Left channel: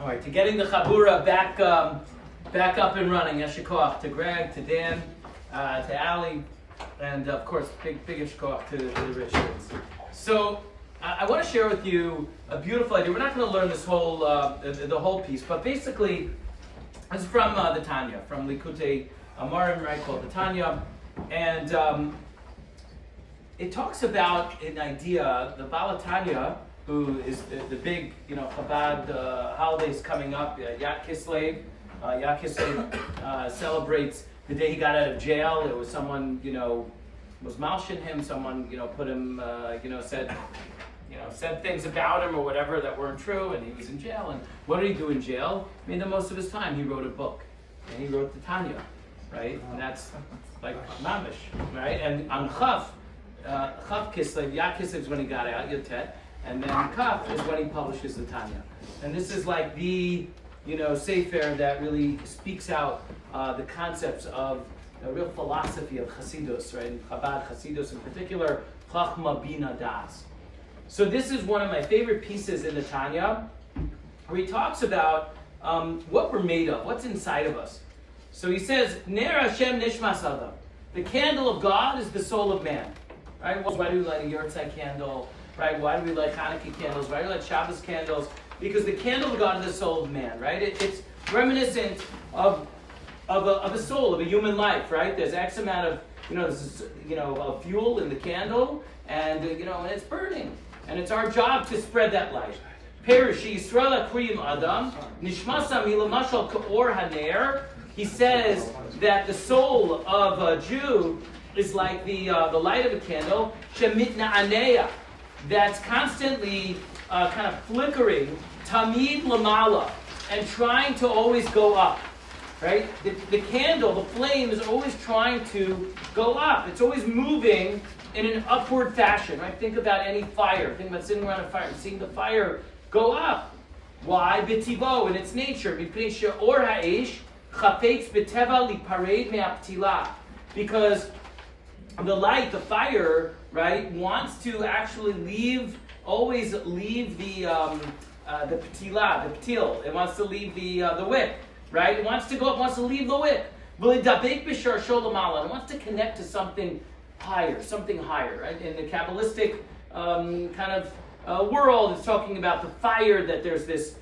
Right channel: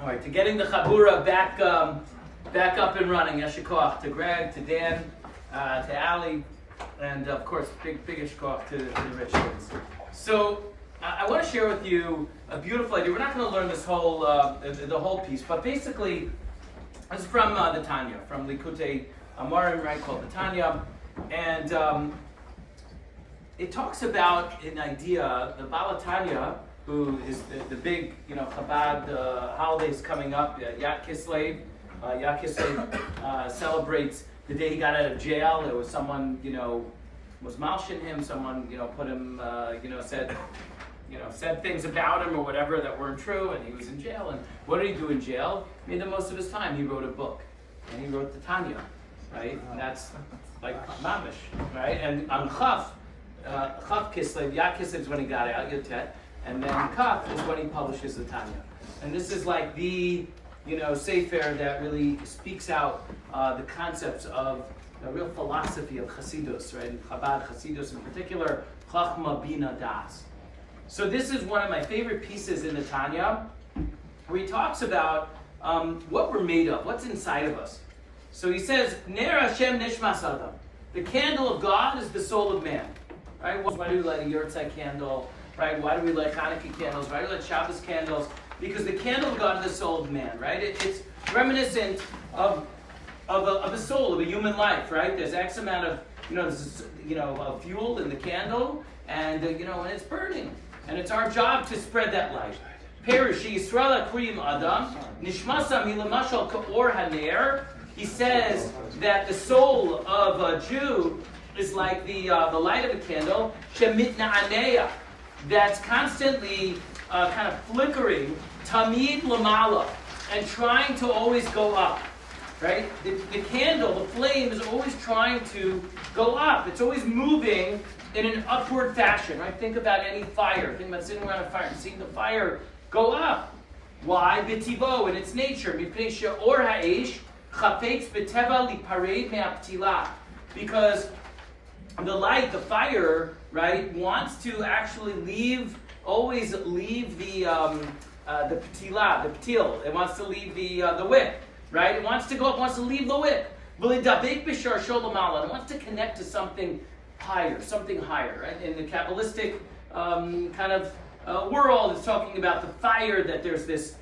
All right, to getting the Chaburah back up and running. Yeshikoach to Greg, to Dan, to Ali, and of course, big yeshikoach to the Richards. So I want to share with you a beautiful idea. We're not going to learn this whole the whole piece, but basically, this is from the Tanya, from Likutei Amarim, right, called the Tanya, and it talks about an idea. The Baal Tanya, who is the big, Chabad holidays coming up, Yat Kislev. Yat Kislev celebrates the day he got out of jail. There was someone, was malshin him. Someone, put him, said things about him or whatever that weren't true, and he was in jail. And what did he do in jail? I mean, the most of his time he wrote a book, and he wrote the Tanya, right? And that's like mamish, right? And on Chav Kislev, Yat Kislev is when he got out, Yotet. And then Kaf is when he publishes the Tanya. And this is like the, sefer that really speaks out the concepts of the real philosophy of Chassidus, right? And Chabad Chassidus in particular, Chachma Bina Das. So this is one of my favorite pieces in the Tanya, where he talks about what we're made of, what's inside of us. So he says, Ner Hashem Nishmas Adam. The candle of God is the soul of man. Right? Why do we light a Yurtzai candle? Right? Why do we light Hanukkah candles? Why do we light Shabbos candles? Because the candle of God is the soul of man, right? It's reminiscent of a soul, of a human life, right? There's X amount of, of fuel in the candle, and, and it's burning. And it's our job to spread that light. Perish Yisrael Kriyim Adam, Nishmasa Milamashal Kaor Haner. He says that the soul of a Jew is like the light of a candle, Shemitna Aneya, that's constantly kind of flickering, tamid lamala, and trying to always go up, right? The candle, the flame, is always trying to go up. It's always moving in an upward fashion, right? Think about any fire. Think about sitting around a fire and seeing the fire go up. Why? B'tivo, in its nature. Mipnei she'or ha'esh chafetz b'teva lipared me'aptila. Because the light, the fire, right, wants to actually always leave the ptila, the ptil. It wants to leave the wick, right? It wants to go up, wants to leave the wick. It wants to connect to something higher, right? In the Kabbalistic kind of world, it's talking about the fire, that there's this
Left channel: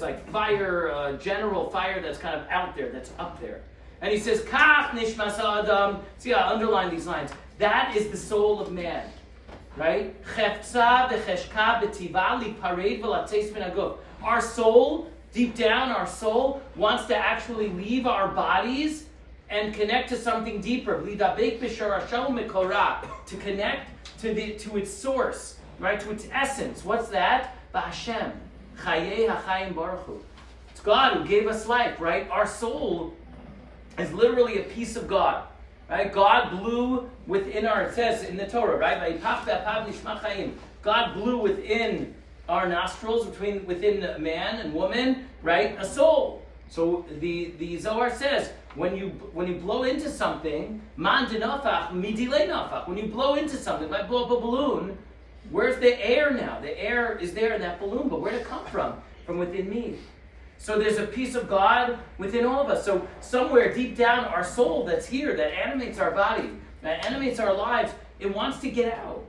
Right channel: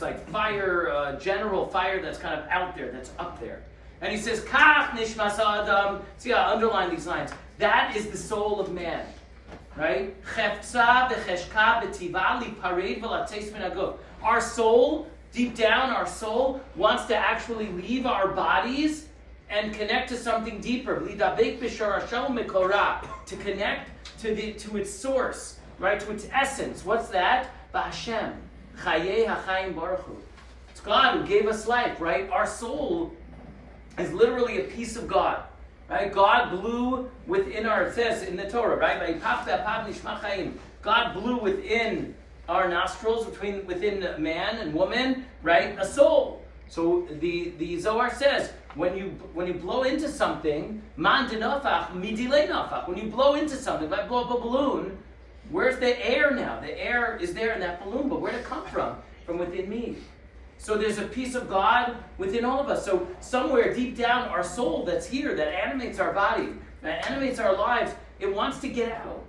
like fire, general fire that's kind of out there, that's up there. And he says, Kach nishmas adam. See, I underline these lines. That is the soul of man, right? Our soul, deep down, our soul wants to actually leave our bodies and connect to something deeper. To connect to its source, right? To its essence. What's that? Ba'Hashem. Chayei hachayim baruch hu. It's God who gave us life, right? Our soul is literally a piece of God, right? God blew within it says in the Torah, right? God blew within our nostrils, within man and woman, right? A soul. So the Zohar says, when you blow into something, man denafach midile nafach. When you blow into something, if I blow up a balloon, where's the air now? The air is there in that balloon, but where did it come from? From within me. So there's a piece of God within all of us. So somewhere deep down, our soul that's here, that animates our body, that animates our lives, it wants to get out.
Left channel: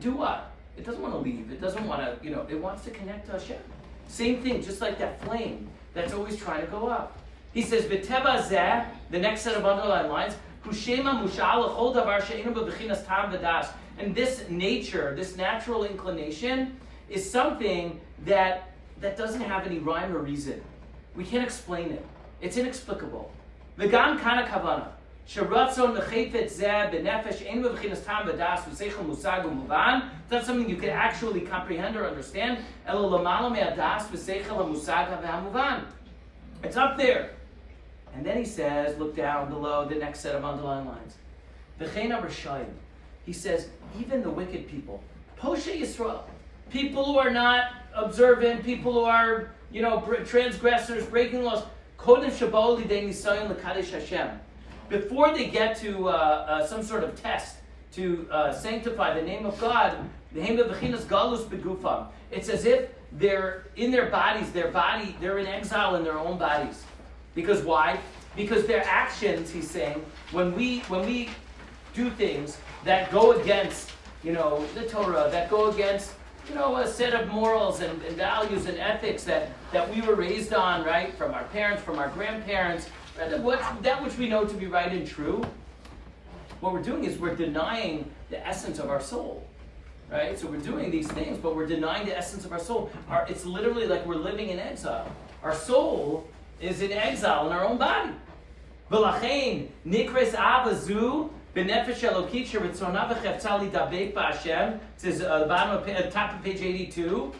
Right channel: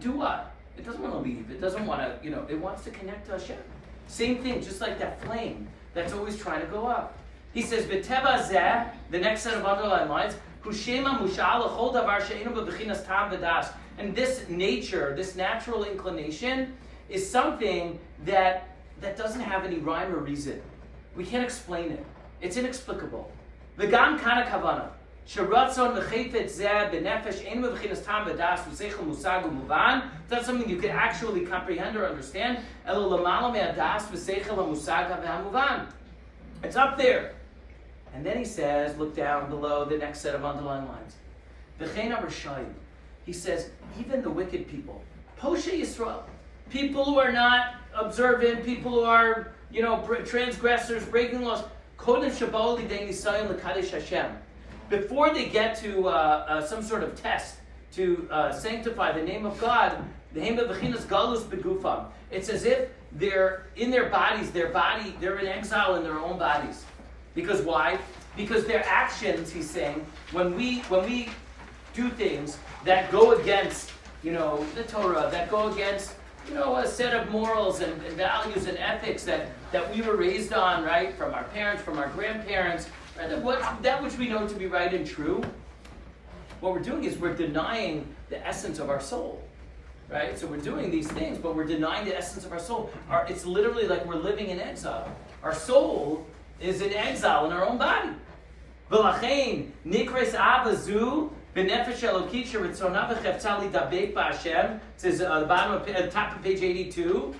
Do what? It doesn't want to leave. It doesn't want to, it wants to connect to Hashem. Same thing, just like that flame that's always trying to go up. He says, V'teva zeh, the next set of underlined lines, Hushema mushal l'chol davar she'enu b'bechinas tam v'das. And this nature, this natural inclination, is something that doesn't have any rhyme or reason. We can't explain it. It's inexplicable. V'gam kana kavana. Sheratzon l'chayfet zeh b'nefesh ein b'bechinas tam v'das v'seichel musag u'muvan. It's not something you can actually comprehend or understand. Elo l'mala me'adas v'seichel ha'musag v'hamuvan. It's up there. And then he says, look down below the next set of underlined lines. V'chein ha'rashayim. He says, even the wicked people, Poshe Yisrael, people who are not observant, people who are, transgressors, breaking laws, Kodem Shabbat Lidei Nisayon L'Kadesh Hashem. Before they get to some sort of test to sanctify the name of God, the name of Bechinas Galus Begufam. It's as if they're in their bodies, they're in exile in their own bodies. Because why? Because their actions, he's saying, when we do things that go against, the Torah, that go against, a set of morals and values and ethics that we were raised on, right? From our parents, from our grandparents, right? That which we know to be right and true. What we're doing is we're denying the essence of our soul, right? So we're doing these things, but we're denying the essence of our soul. It's literally like we're living in exile. Our soul is in exile in our own body. V'lachein nikres abazu b'nefesh elokit sheritzona v'cheftzah lidabek b'Hashem. It says the bottom of top of page 82.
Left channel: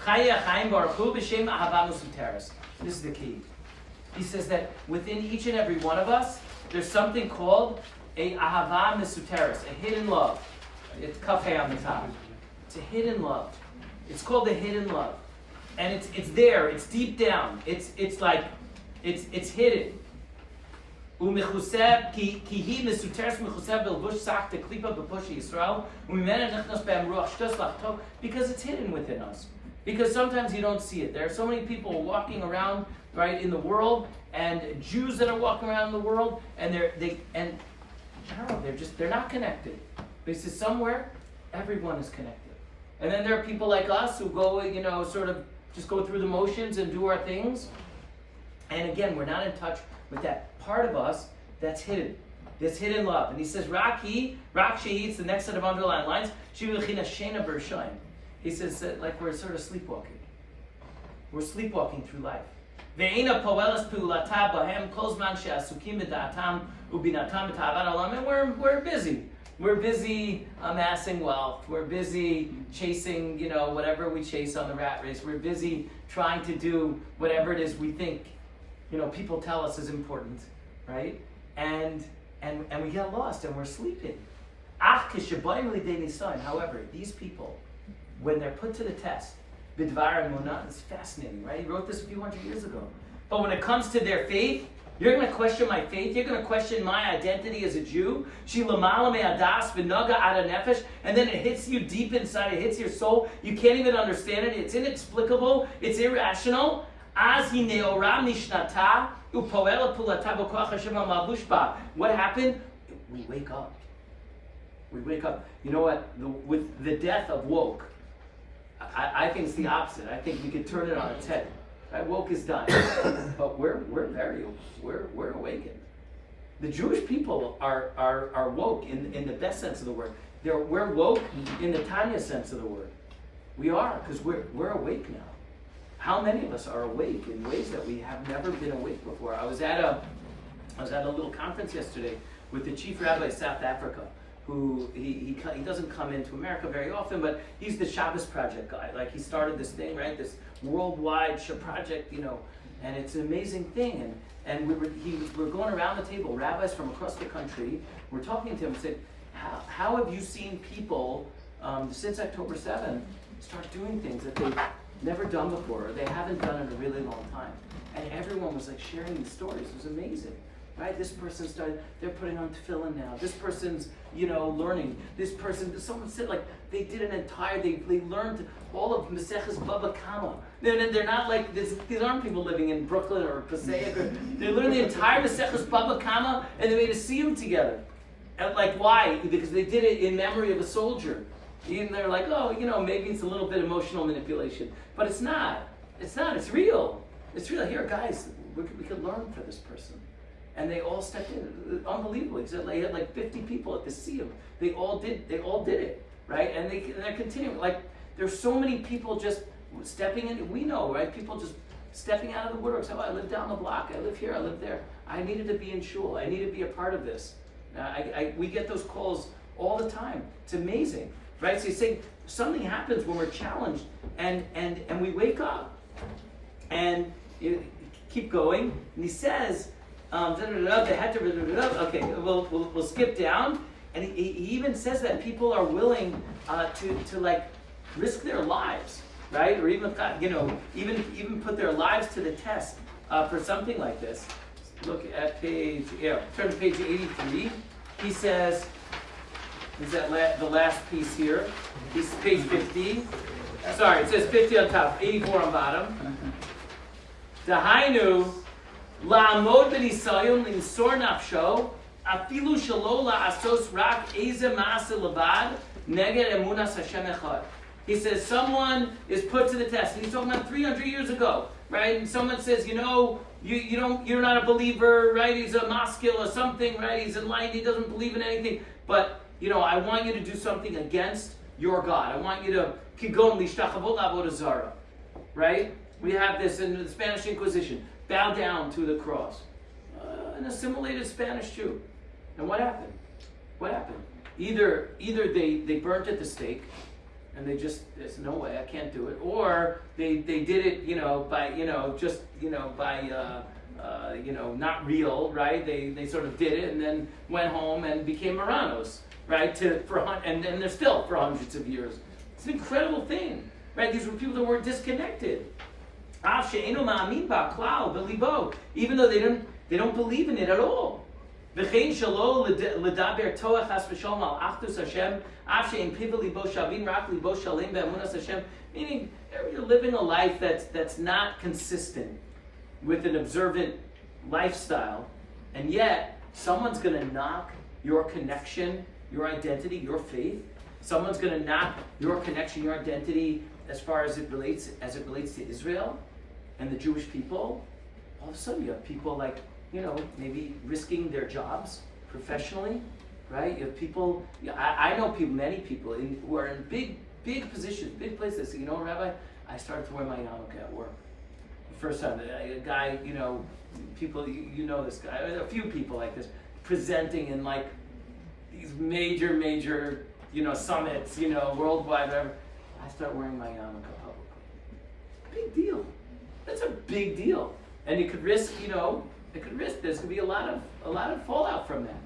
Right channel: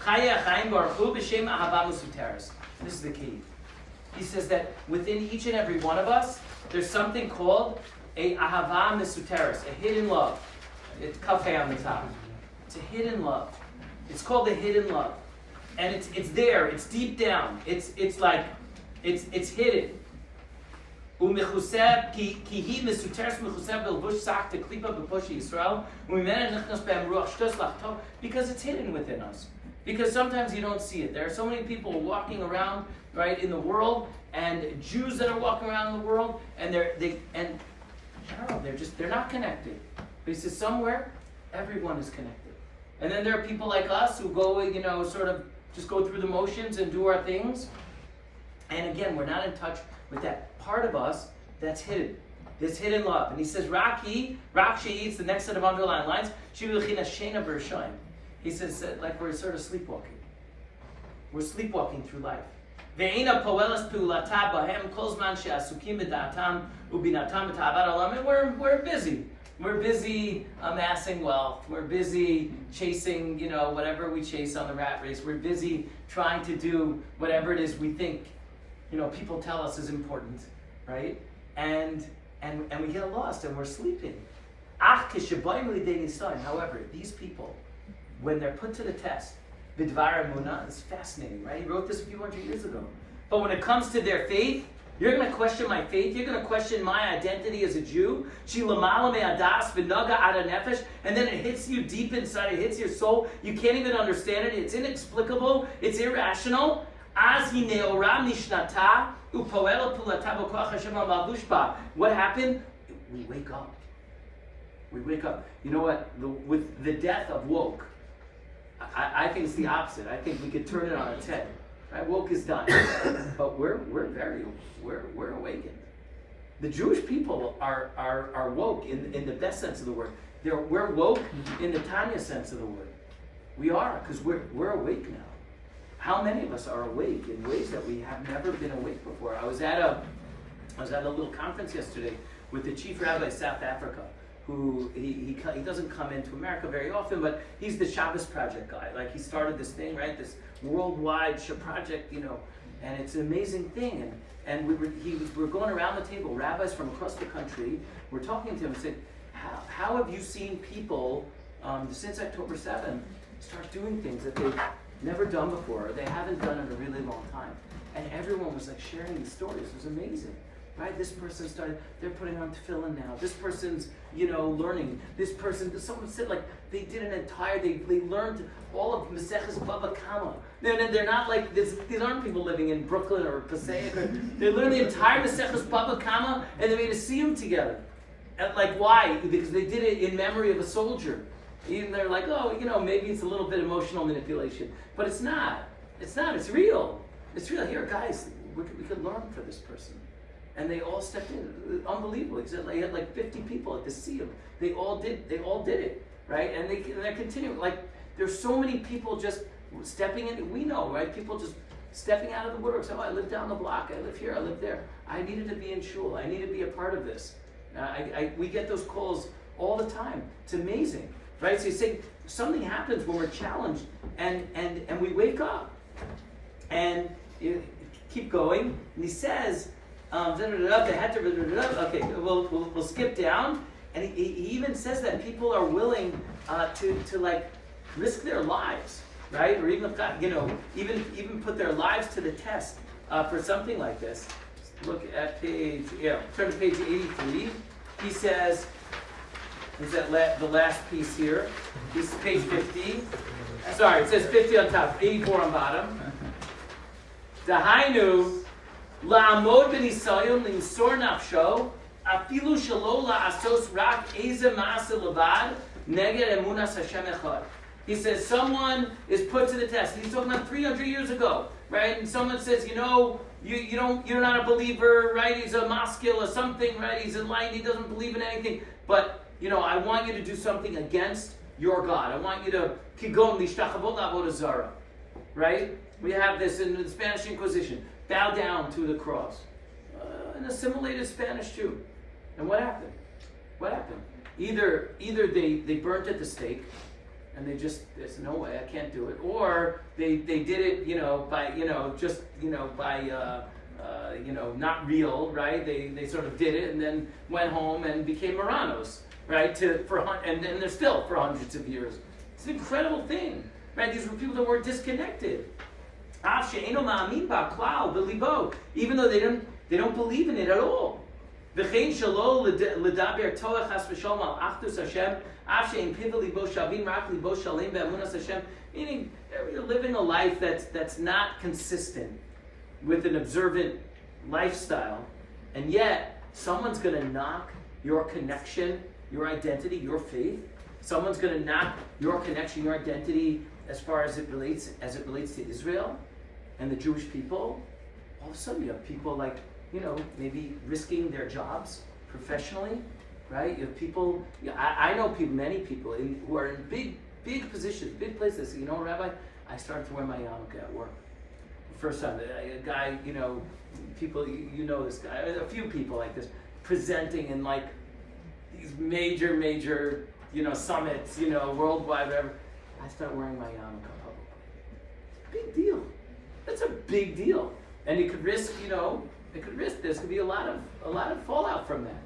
Chaya chaim baruchu b'shem ahava mesuteres. This is the key. He says that within each and every one of us, there's something called a ahava mesuteres, a hidden love. It's kafeh on the top. It's a hidden love. It's called the hidden love, and it's there. It's deep down. It's hidden. Umechuseb ki hi mesuteres mechuseb belvush sak teklipa bepushi Yisrael umimena nechnas be'am ruach shtos lachto, because it's hidden within us. Because sometimes you don't see it. There are so many people walking around, right, in the world, and Jews that are walking around in the world, and I don't know, they're not connected. But he says somewhere, everyone is connected. And then there are people like us who go, sort of just go through the motions and do our things. And again, we're not in touch with that part of us that's hidden. This hidden love. And he says, Rak she'itz, the next set of underlined lines, he says, like we're sort of sleepwalking. We're sleepwalking through life. And we're busy. We're busy amassing wealth. We're busy chasing, whatever we chase on the rat race. We're busy trying to do whatever it is we think, people tell us is important, right? And we get lost and we're sleeping. However, these people, when they're put to the test, Bidvar Emunah, is fascinating, right? He wrote this a few hundred years ago. But when it comes to their faith, you're going to question my faith. You're going to question my identity as a Jew. And then it hits you deep inside. It hits your soul. You can't even understand it. It's inexplicable. It's irrational. What happened? We wake up. We wake up. You know what? With the death of woke, I think it's the opposite. I think we could turn it on its head. Right? Woke is done, but we're awakened. The Jewish people are woke in the best sense of the word. We're woke in the tiniest sense of the word. We are, because we're awake now. How many of us are awake in ways that we have never been awake before? I was at a little conference yesterday with the chief rabbi of South Africa, who he doesn't come into America very often, but he's the Shabbos Project guy. Like, he started this thing, right? This worldwide project, and it's an amazing thing. And we're going around the table, rabbis from across the country. We're talking to him and saying, how have you seen people since October 7th start doing things that they've never done before, or they haven't done in a really long time? And everyone was like sharing these stories. It was amazing. Right? This person they're putting on tefillin now. This person's, learning. Someone said like they did they learned all of Maseches Baba Kama. They're not like, these aren't people living in Brooklyn or Passaic. They learned the entire Maseches Baba Kama and they made a siyum together. And like, why? Because they did it in memory of a soldier. Even they're like, maybe it's a little bit emotional manipulation. But it's not. It's not. It's real. It's real. Here, guys, we could learn for this person. And they all stepped in. Unbelievable. They had like 50 people at the siyum. They all did it, right? And they're continuing. Like, there's so many people just stepping in. We know, right? People just stepping out of the woodwork. So I live down the block. I live here. I live there. I needed to be in shul. I need to be a part of this. We get those calls all the time. It's amazing, right? So you say something happens when we're challenged, and we wake up, and you keep going. And he says, okay, we'll skip down, and he even says that people are willing to like risk their lives, right? Or even even put their lives to the test for something like this. Look at turn to page 83. He says, is that the last piece here? This is page 50. Sorry, it says 50 on top, 84 on bottom. Dahainu, la'amod b'nisayon l'imsor nafsho, afilu shelo la'asos rak eze ma'aseh levad, neged emunas Hashem echad. He says someone is put to the test. And he's talking about 300 years ago, right? And someone says, you know, you're not a believer, right? He's a maskil or something, right? He's enlightened. He doesn't believe in anything. But, you know, I want you to do something against your God. I want you to kigon lishtachavot la'avodah zara, right? We have this in the Spanish Inquisition. Bow down to the cross. An assimilated Spanish Jew. And what happened? What happened? Either they burnt at the stake, and there's no way, I can't do it. Or they did it, not real, right? They sort of did it and then went home and became Marranos, right? And they're still for hundreds of years. It's an incredible thing, right? These were people that were disconnected. Even though they don't believe in it at all. Meaning, you're living a life that's not consistent with an observant lifestyle, and yet someone's going to knock your connection, your identity, your faith. Someone's going to knock your connection, your identity, as far as it relates to Israel and the Jewish people. All of a sudden, you have people like, maybe risking their jobs professionally, right? You have people, I know people, many people who are in big positions, big places. Say, Rabbi, I started to wear my yarmulke at work. The first time, a guy, people, this guy, a few people like this, presenting in like these major, summits, worldwide, whatever. I start wearing my yarmulke publicly. Big deal. That's a big deal. And you could risk, there's gonna be a lot of fallout from that,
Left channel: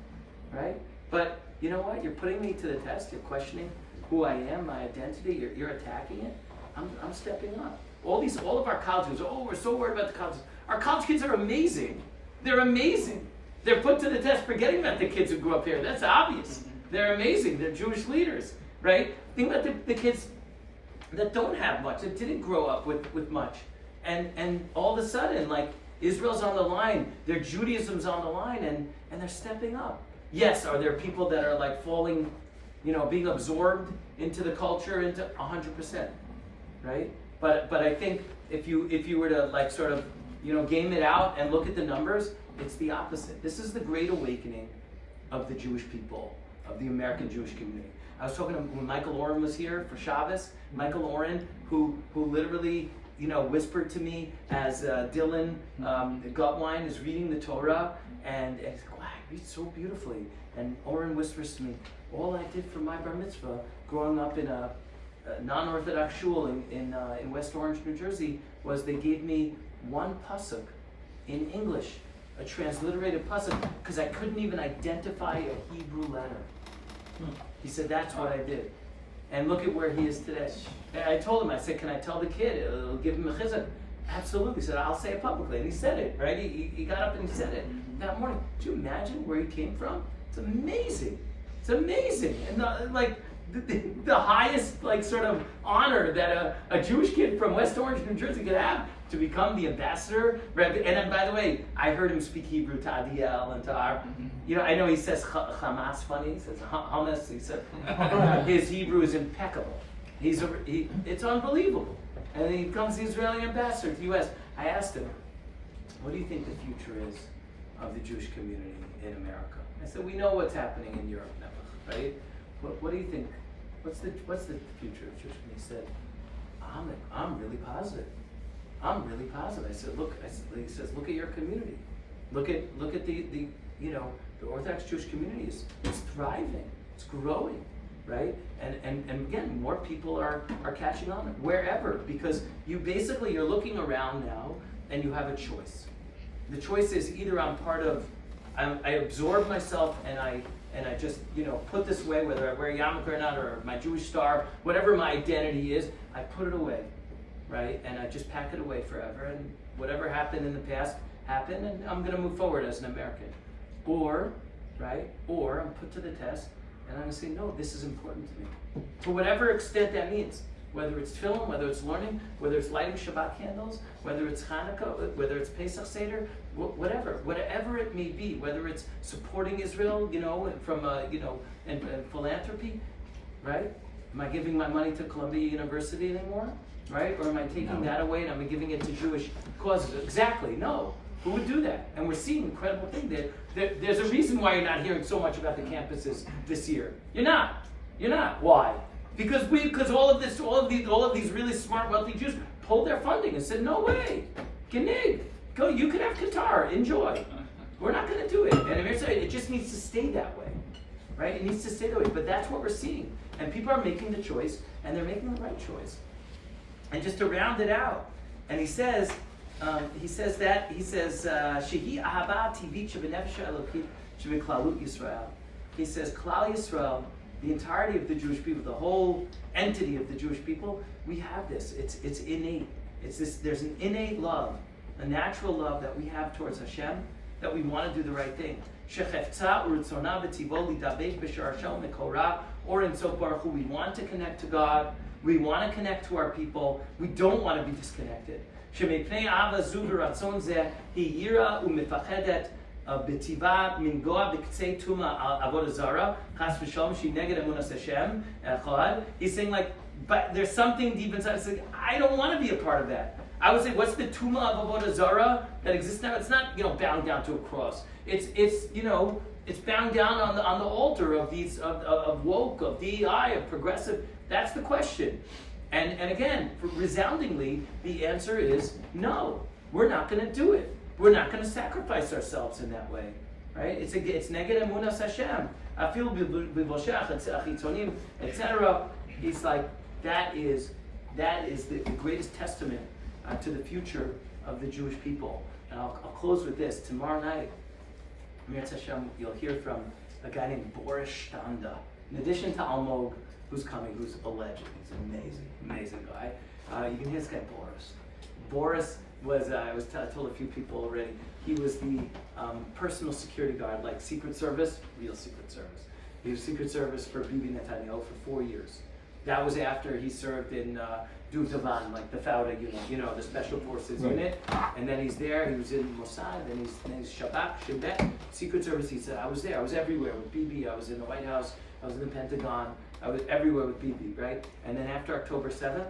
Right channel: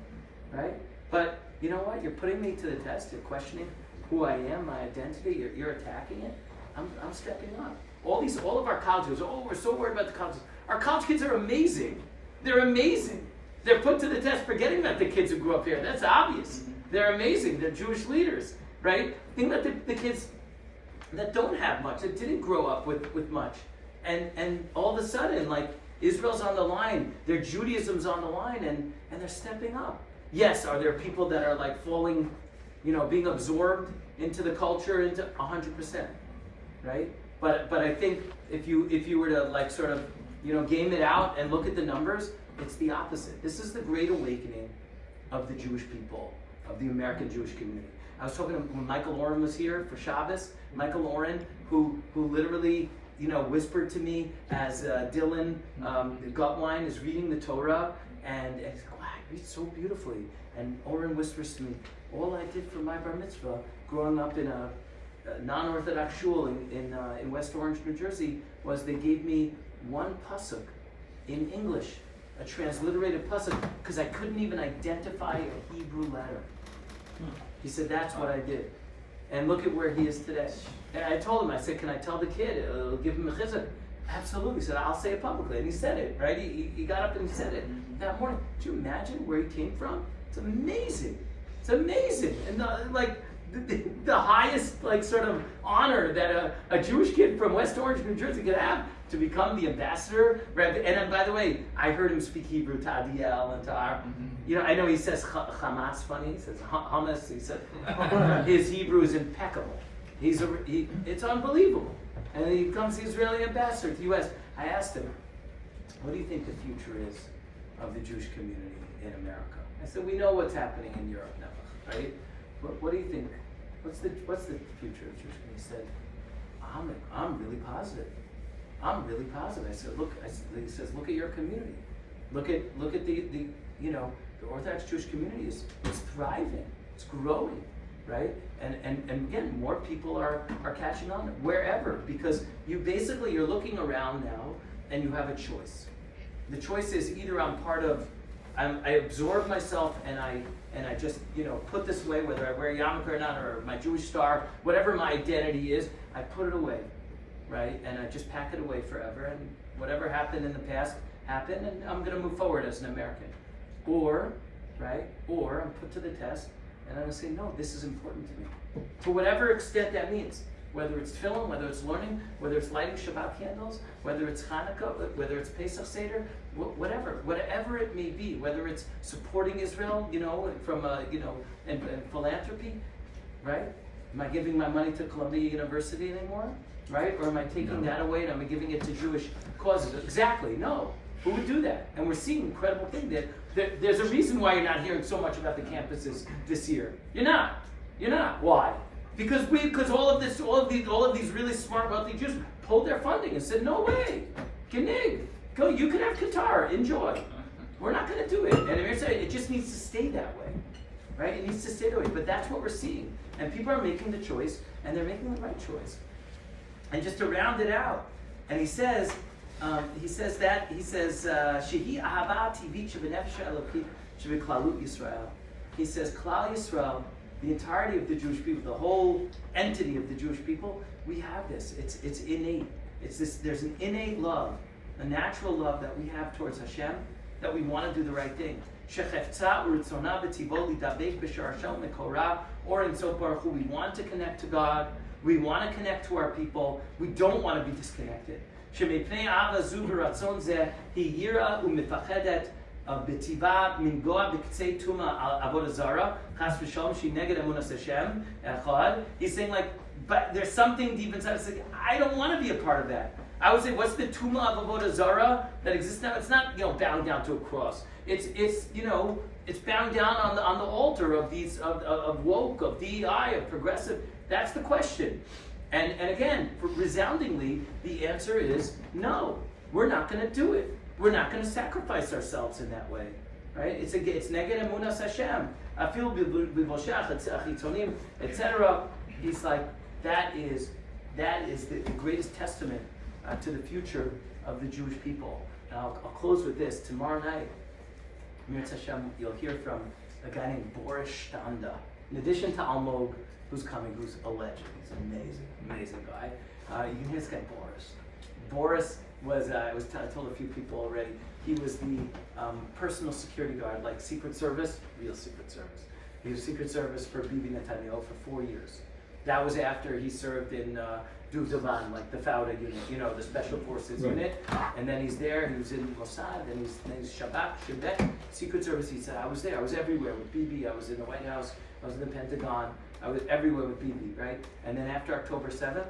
right? But you know what? You're putting me to the test. You're questioning who I am, my identity. You're attacking it. I'm stepping up. All of our college kids. Oh, we're so worried about the colleges. Our college kids are amazing. They're amazing. They're put to the test. Forgetting about the kids who grew up here. That's obvious. They're amazing. They're Jewish leaders, right? Think about the kids that don't have much, that didn't grow up with much, and all of a sudden, like, Israel's on the line, their Judaism's on the line, and they're stepping up. Yes, are there people that are like falling, being absorbed into the culture, into 100%, right? But I think if you were to like sort of, game it out and look at the numbers, it's the opposite. This is the great awakening of the Jewish people, of the American Jewish community. I was talking to when Michael Oren was here for Shabbos. Michael Oren, who literally, whispered to me as Dylan Gutwine is reading the Torah, and it's like, wow, he reads so beautifully. And Oren whispers to me, all I did for my bar mitzvah, growing up in a non-Orthodox shul in West Orange, New Jersey, was they gave me one pasuk in English, a transliterated pasuk, because I couldn't even identify a Hebrew letter. He said, that's what I did. And look at where he is today. And I told him, I said, can I tell the kid? It'll give him a chizuk. Absolutely. He said, I'll say it publicly. And he said it, right? He got up and he said it that morning. Do you imagine where he came from? It's amazing. It's amazing. And the highest sort of honor that a Jewish kid from West Orange, New Jersey could have, to become the ambassador. Right? And then, by the way, I heard him speak Hebrew to Adiel and to our, I know he says Hamas funny. He says hummus. He said his Hebrew is impeccable. It's unbelievable. And then he becomes the Israeli ambassador to the U.S. I asked him, what do you think the future is of the Jewish community in America? I said, we know what's happening in Europe now, right? What do you think? What's the future of the Jewish community? He said, I'm really positive. I'm really positive. I said, he says, look at your community. Look at the Orthodox Jewish community is thriving. It's growing, right? And again, more people are catching on wherever, because you're looking around now and you have a choice. The choice is either I absorb myself and I just put this away, whether I wear yarmulke or not, or my Jewish star, whatever my identity is, I put it away. Right? And I just pack it away forever, and whatever happened in the past happened, and I'm going to move forward as an American. Or I'm put to the test, and I'm going to say, no, this is important to me. To whatever extent that means. whether it's tefillin, whether it's learning, whether it's lighting Shabbat candles, whether it's Hanukkah, whether it's Pesach Seder, whatever it may be, whether it's supporting Israel, from and philanthropy, right? Am I giving my money to Columbia University anymore, right? Or am I taking that away and I'm giving it to Jewish causes? Exactly, no. Who would do that? And we're seeing incredible things. There's a reason why you're not hearing so much about the campuses this year. You're not. Why? Because all of these really smart, wealthy Jews pulled their funding and said, no way, Genig, go. You can have Qatar, enjoy. We're not going to do it. And Amir said it just needs to stay that way, right? It needs to stay that way. But that's what we're seeing, and people are making the choice, and they're making the right choice. And just to round it out, and he says, Shehi ahava tivit shebenefesh elokit shebeklalut Yisrael. He says, Klal Yisrael, the entirety of the Jewish people, the whole entity of the Jewish people, we have this. It's innate. There's an innate love, a natural love that we have towards Hashem, that we want to do the right thing. Or in so Baruch Hu, we want to connect to God. We want to connect to our people. We don't want to be disconnected. בטבעה מנגוע בקצה תומה עבודה זרה, חס ושלום, שהיא נגד אמונת השם, אחד. He's saying but there's something deep inside. It's like, I don't want to be a part of that. I would say, what's the tuma of avodah zara that exists now? It's not, bound down to a cross. It's bound down on the altar of these of woke, of DEI, of progressive. That's the question. And again, resoundingly, the answer is no. We're not going to do it. We're not going to sacrifice ourselves in that way, right? It's neged emunas Hashem. Afil b'voshach achitzonim, etc. He's like, that is the greatest testament to the future of the Jewish people. And I'll close with this. Tomorrow night, Mirz Hashem, you'll hear from a guy named Boris Standa. In addition to Almog, who's coming, who's a legend. He's an amazing guy. You can hear this guy, Boris. Boris was, I told a few people already, he was the personal security guard, like Secret Service, real Secret Service. He was Secret Service for Bibi Netanyahu for 4 years. That was after he served in Duvdavan, like the Fauda unit, the Special Forces unit. And then he's there, he was in Mossad, then he's Shabak, Shinbek, Secret Service. He said, I was there, I was everywhere with Bibi, I was in the White House, I was in the Pentagon, I was everywhere with Bibi, right? And then after October 7th,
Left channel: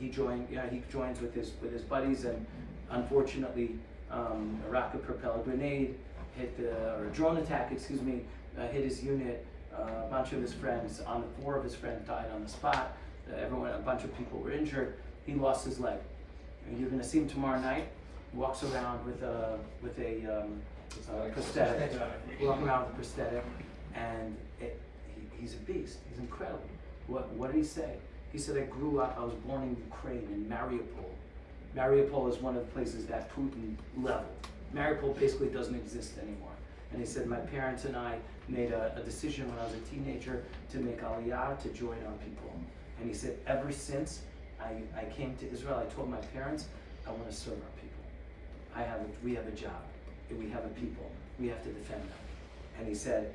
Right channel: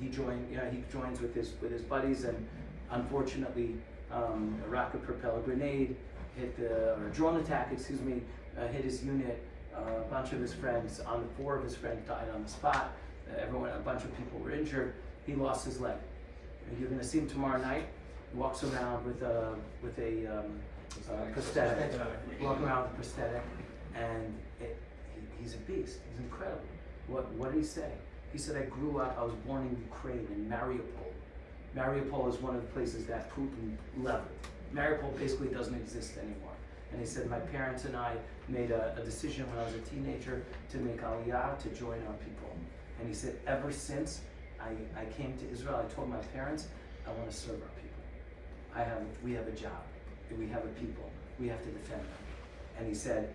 he joins with his buddies, and unfortunately, a rocket-propelled grenade or a drone attack, hit his unit. A bunch of his friends, 4 of his friends died on the spot. A bunch of people were injured. He lost his leg. And you're going to see him tomorrow night. He walks around with a prosthetic. And he's a beast. He's incredible. What did he say? He said, I was born in Ukraine, in Mariupol. Mariupol is one of the places that Putin leveled. Mariupol basically doesn't exist anymore. And he said, my parents and I made a decision when I was a teenager to make Aliyah, to join our people. And he said, ever since I came to Israel, I told my parents, I want to serve our people. We have a job. We have a people. We have to defend them. And he said,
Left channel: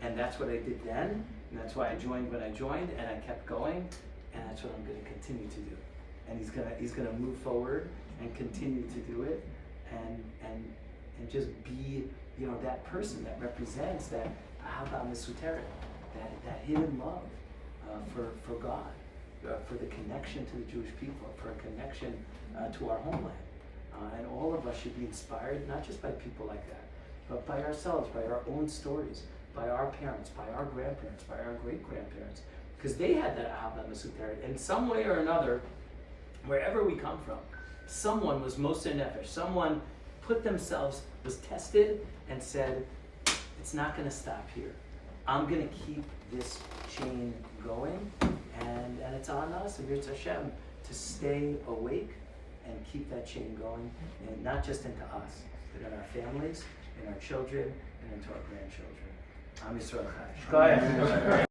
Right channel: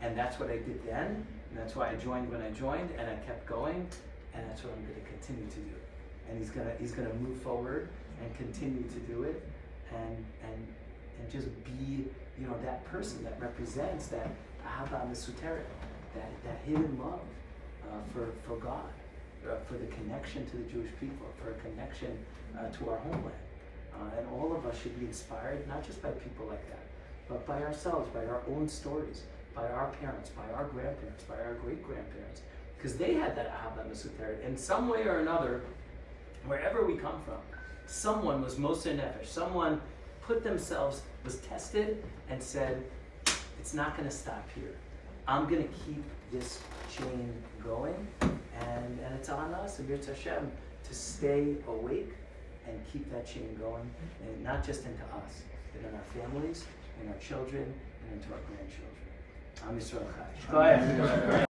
and that's what I did then, and that's why I joined when I joined, and I kept going, and that's what I'm going to continue to do. And he's gonna move forward and continue to do it, and just be that person that represents that ahava mesuteret, that hidden love for God, for the connection to the Jewish people, for a connection to our homeland. And all of us should be inspired, not just by people like that, but by ourselves, by our own stories, by our parents, by our grandparents, by our great-grandparents, because they had that ahava mesuteret. In some way or another, wherever we come from, someone was moser nefesh, someone was tested and said, it's not going to stop here. I'm going to keep this chain going, and it's on us, and Mirz Hashem, to stay awake and keep that chain going, and not just into us, but in our families, in our children, and into our grandchildren. Am Yisrael Chai.